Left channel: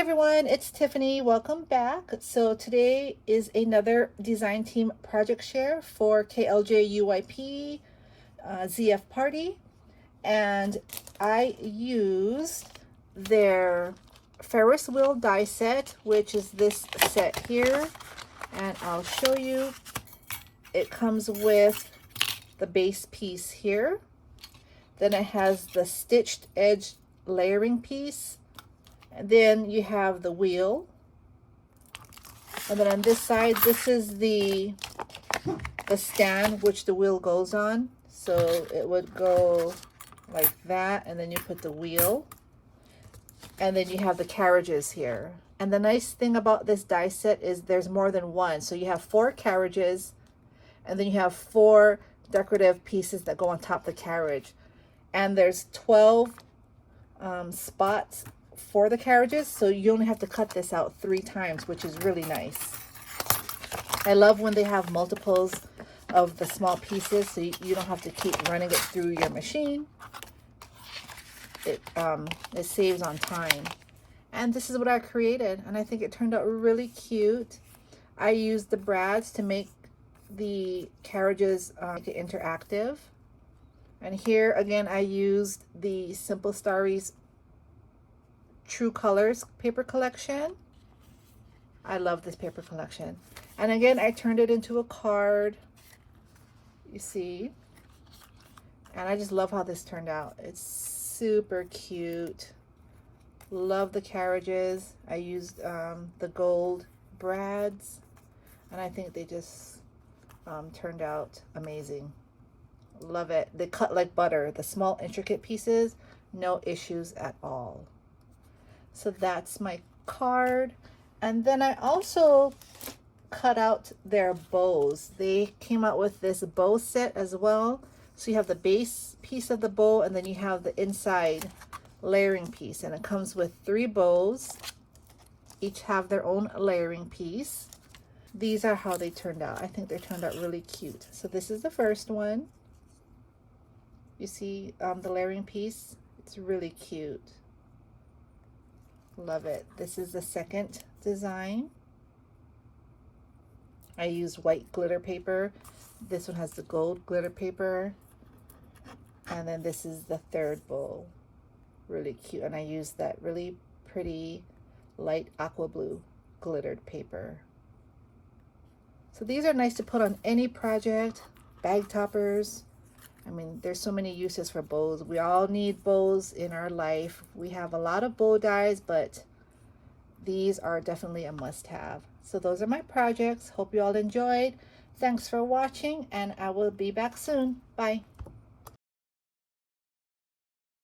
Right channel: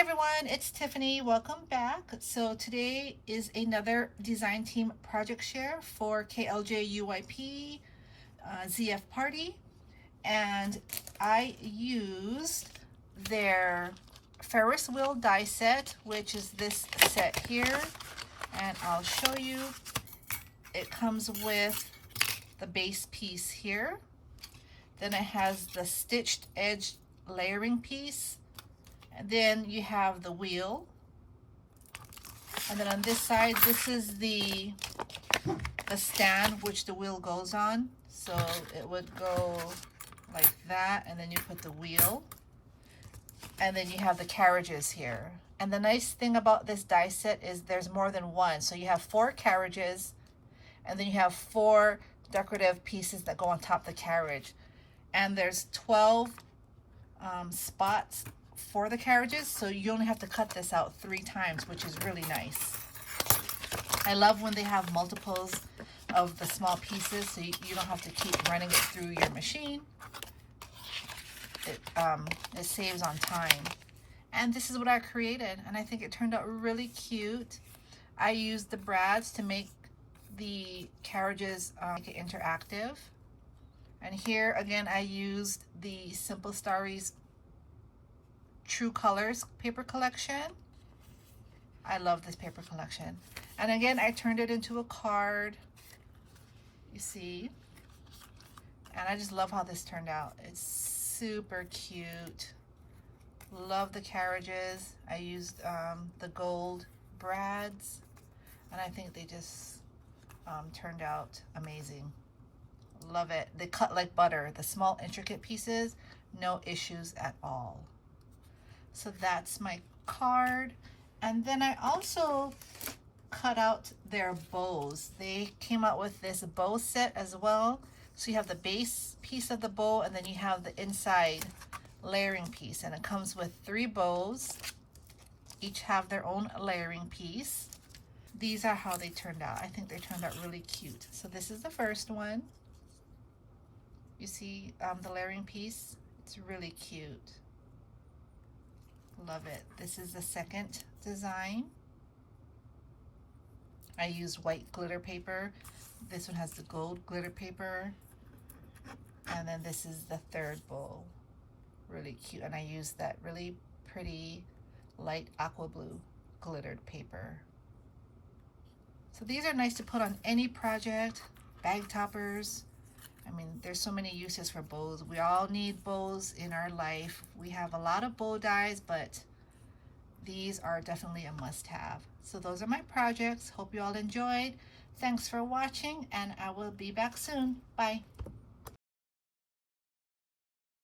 everyone, it's Tiffany. Welcome back. So today is another design team project share for KLJUYP ZF Party, and I used their Ferris wheel die set, which is this set here, and I'll show you. It comes with the base piece here, then it has the stitched edge layering piece, and then you have the wheel, and then on this side, this is the stand which the wheel goes on. So it would go like that, and then you put the wheel, and then you have the carriages here. And the nice thing about this die set is there's more than one. So you have 4 carriages, and then you have 4 decorative pieces that go on top of the carriage. And there's 12 spots for the carriages, so you only have to cut this out 3 times, which is really nice. I love when they have multiples of the small pieces, so you don't have to keep running it through your machine. It saves on time. And this is what I created, and I think it turned out really cute. I used the brads to make the carriages make it interactive. And here again, I used the Simple Starries True Colors paper collection. I love this paper collection. And again, I turned it into a card, you see. And I just love how this turned out. It's super cute. Love the carriages. I used the gold brads, and I think they just turned out amazing. Love it. They cut like butter. The small intricate pieces, no issues at all. So that's my card. And then I also cut out their bows. They came out with this bow set as well. So you have the base piece of the bow, and then you have the inside layering piece, and it comes with 3 bows. Each have their own layering piece. These are how they turned out. I think they turned out really cute. So this is the first one. You see the layering piece? It's really cute. Love it. This is the second design. I used white glitter paper. This one has the gold glitter paper. And then this is the third bowl. Really cute. And I used that really pretty light aqua blue glittered paper. So these are nice to put on any project, bag toppers. I mean, there's so many uses for bows. We all need bows in our life. We have a lot of bow dies, but these are definitely a must-have. So those are my projects. Hope you all enjoyed. Thanks for watching, and I will be back soon. Bye.